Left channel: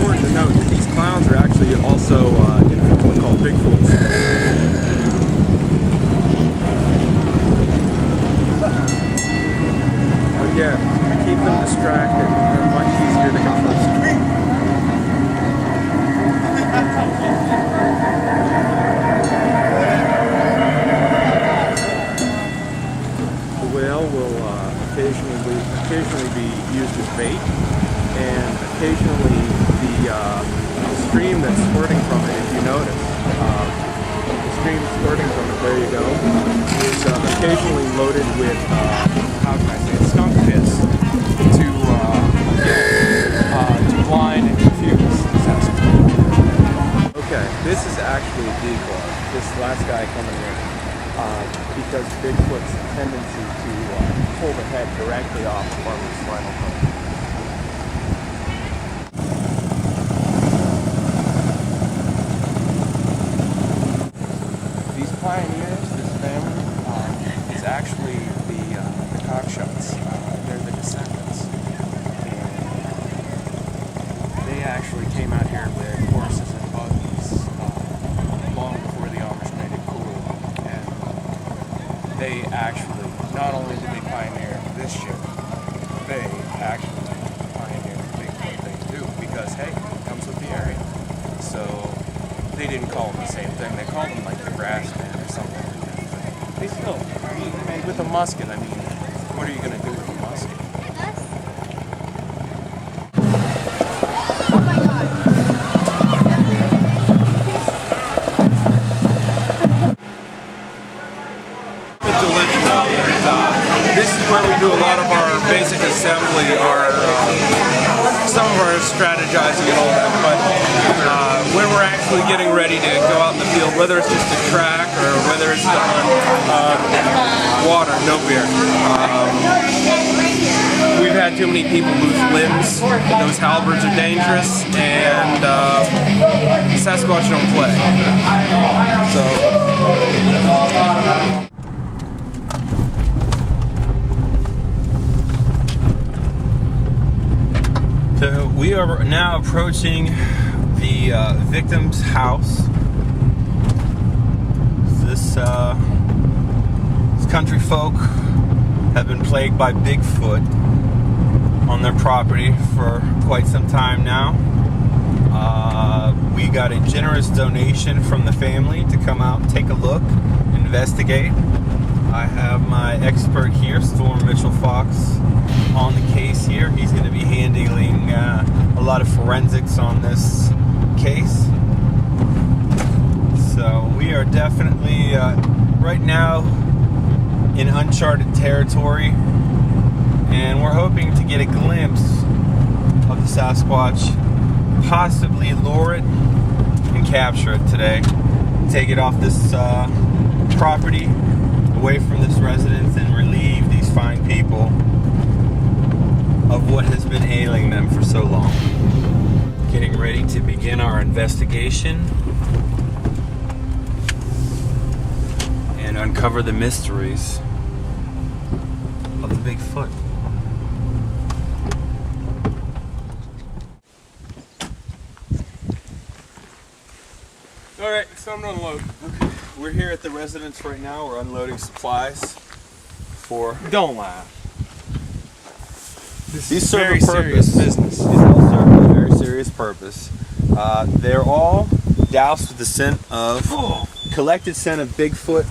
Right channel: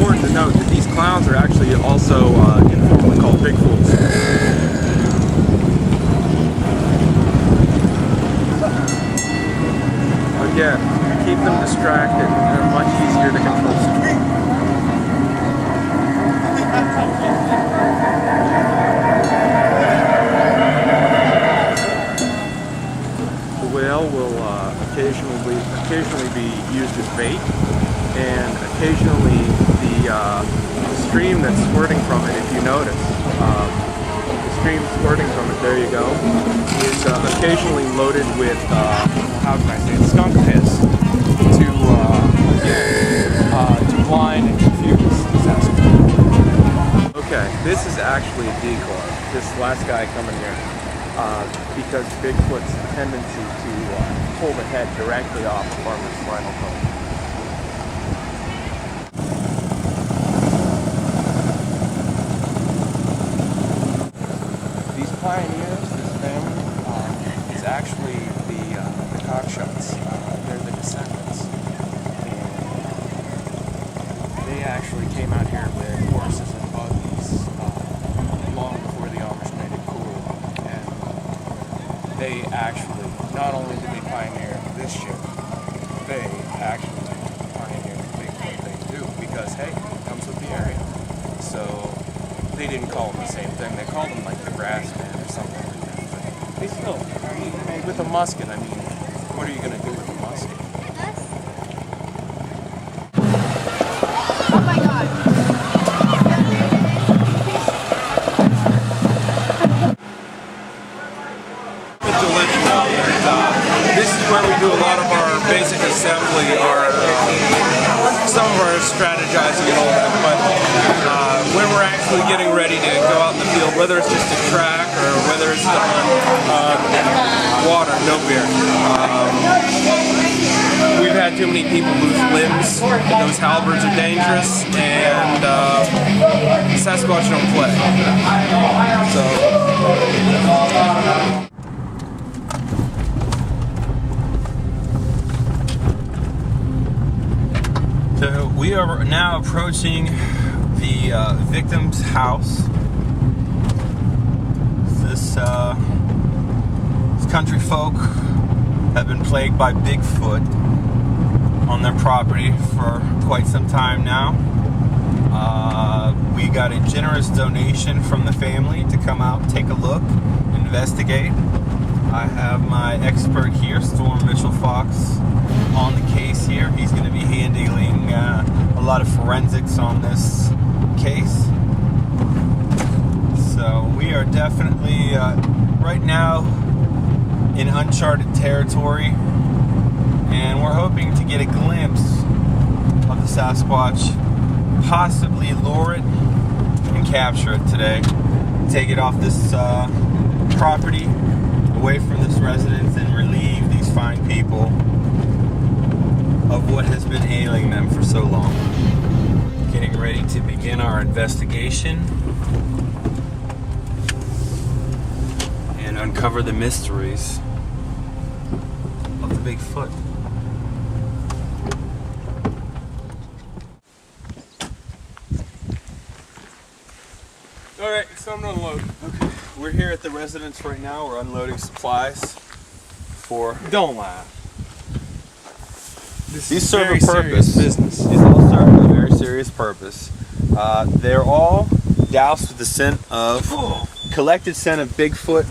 important to note that these clowns are actually also informally called Bigfoots. Again, keep them distracted. They're much easier to control. The whale will occasionally be used as bait, and occasionally the stream that's squirting from it, if you notice, the stream squirting from it, there you go, is occasionally loaded with, how can I say it, skunk piss to blind and confuse the Sasquatch. Okay, this is actually a decoy, this last guy coming here, because Bigfoot's tendency to pull the head directly off the farmer's spinal column. These pioneers, this family, is actually the Cockshots. They're the descendants. And they actually came out here with horses and buggies long before the Amish made it cool. And they actually, not only did they pioneer this shit, they actually pioneered the Bigfoot thing too, because hey, it comes with the area. So they didn't call them the same thing, they called them like the grass man or something like that. But they still, I mean, with a musket, I mean, what are you going to do with a musket? Oh my god. To let you know that this is where we do a lot of our basic assembly, some of our strategizing and all that, but when we're actually getting ready to go out in the field, whether it's just a track or whether it's to hunt, water, no beer. We've had too many people lose limbs, those halberds are dangerous, and Sasquatch don't play. So we are now approaching the victim's house. This country folk have been plagued by Bigfoot on their property for quite some time now. We got a generous donation from the family to come out, take a look, investigate. I have my expert here, Storm Mitchell Fox, on the case here. He's going to be handling a lot of forensics on this case. So we are definitely right now in uncharted territory, and we're hoping to get a glimpse of the Sasquatch, possibly lure it and capture it today, take it off this property, away from this residence, and relieve these fine people of what has been ailing them for so long. Getting ready to begin our investigation and uncover the mysteries of the Bigfoot. Alright, it's time to unload. Okay. We're here at the residence right now. We're unloading supplies for... Don't laugh. These serve very a purpose. Serious business. These all serve a very serious purpose. They're all doused with the scent of... collected scent of Bigfoot.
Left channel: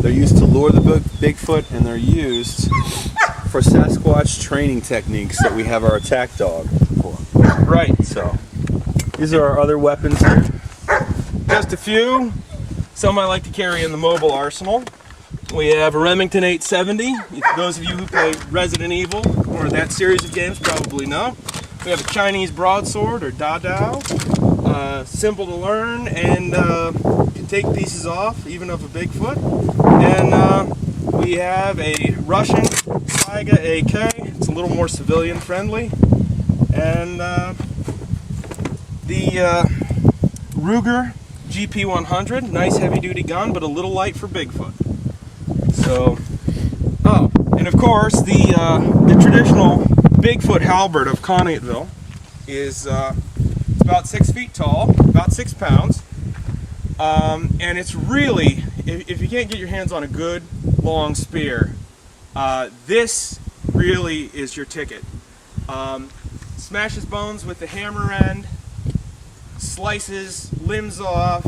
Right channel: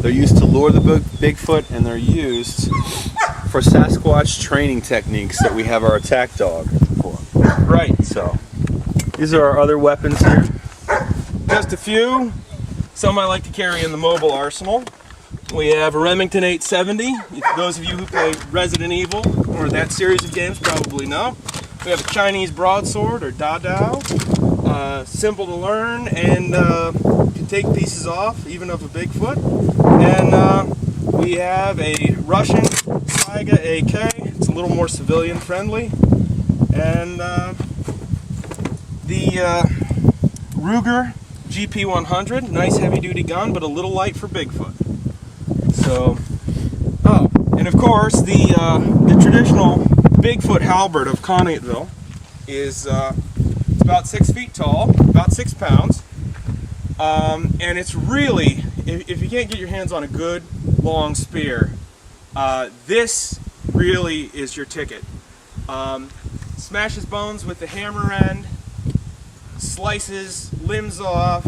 They're used to lure the Bigfoot, and they're used for Sasquatch training techniques that we have our attack dog for. Right. So, these are our other weapons here. Just a few. Some I like to carry in the mobile arsenal. We have a Remington 870. Those of you who play Resident Evil or that series of games probably know. We have a Chinese broadsword or Dadao. Simple to learn and can take pieces off even of a Bigfoot. And we have a Russian Saiga AK. It's a little more civilian friendly. And the Ruger GP100, nice heavy duty gun, but a little light for Bigfoot. So, oh, and of course the traditional Bigfoot halberd of Conneautville is It's about 6 feet tall, about 6 pounds. And it's really, if you can't get your hands on a good long spear, this really is your ticket. Smashes bones with the hammer end, slices limbs off,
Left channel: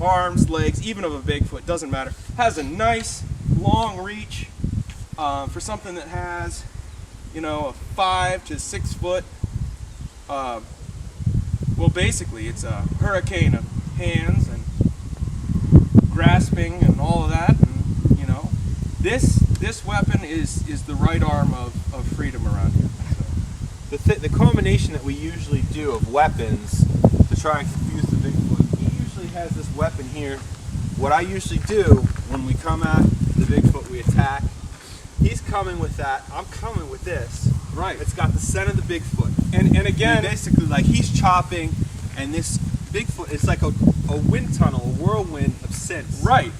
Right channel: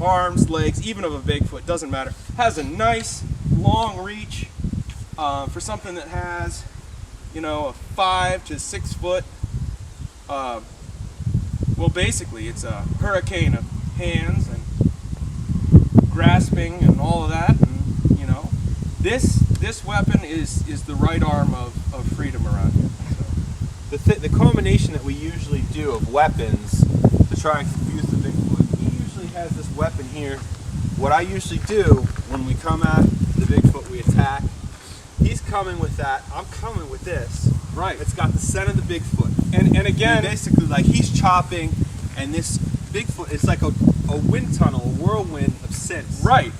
arms, legs, even of a Bigfoot, doesn't matter. Has a nice long reach for something that has, you know, a 5 to 6 foot. Well, basically, it's a hurricane of hands and grasping and all of that, and you know, this weapon is the right arm of freedom around here. So. The combination that we usually do of weapons to try and confuse the Bigfoot, he usually has this weapon here. What I usually do when we come at the Bigfoot, we attack. He's coming with that. I'm coming with this. Right. It's got the scent of the Bigfoot. And again, basically, like, he's chopping, and this Bigfoot, it's like a wind tunnel, a whirlwind of scents. right.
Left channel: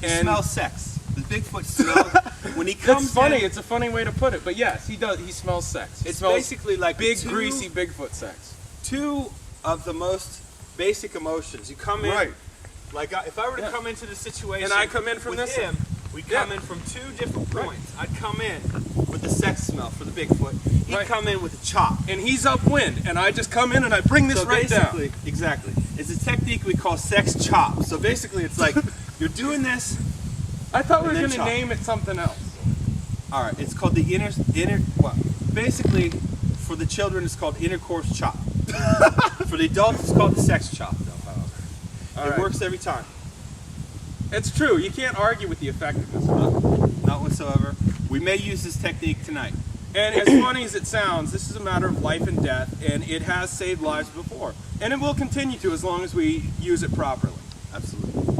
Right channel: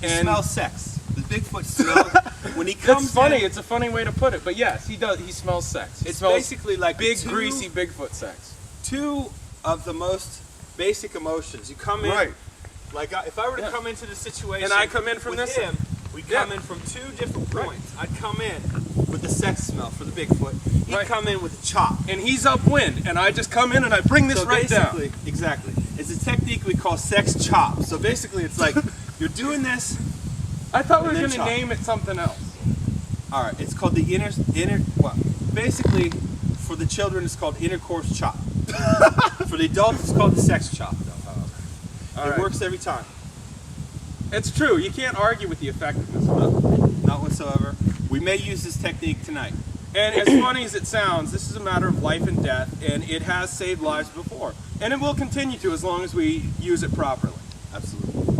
He And smells sex. The Bigfoot smells when he comes. it's funny. in, It's a funny way to put it, but yes, he does. He smells sex. He it's smells basically like big, greasy Bigfoot sex. two of the most basic emotions. You come in, Right. like if I were to Yeah. come into the situation, And I come in from with this him, we come Yeah. in from two different Right. points. I'd come in with the sex smell for the Bigfoot. He'd Right. come in with a chop. And he's upwind, and I just come in and I bring this So right down. basically, exactly, it's a technique we call sex chop. So basically, it's like you're doing this. I thought we were and then going to chop. name it something else. All right, it's called the inner. Well, basically, for the children, it's called intercourse chop. For the adults, it's called the sex chop. Though, All it right. works every time. It's true. You can't argue with the effectiveness of it. No, not whatsoever. We may use this technique tonight. And as funny as it sounds, this is a matter of life and death, and it has saved lives before. And it will continue to as long as we use it properly. Absolutely.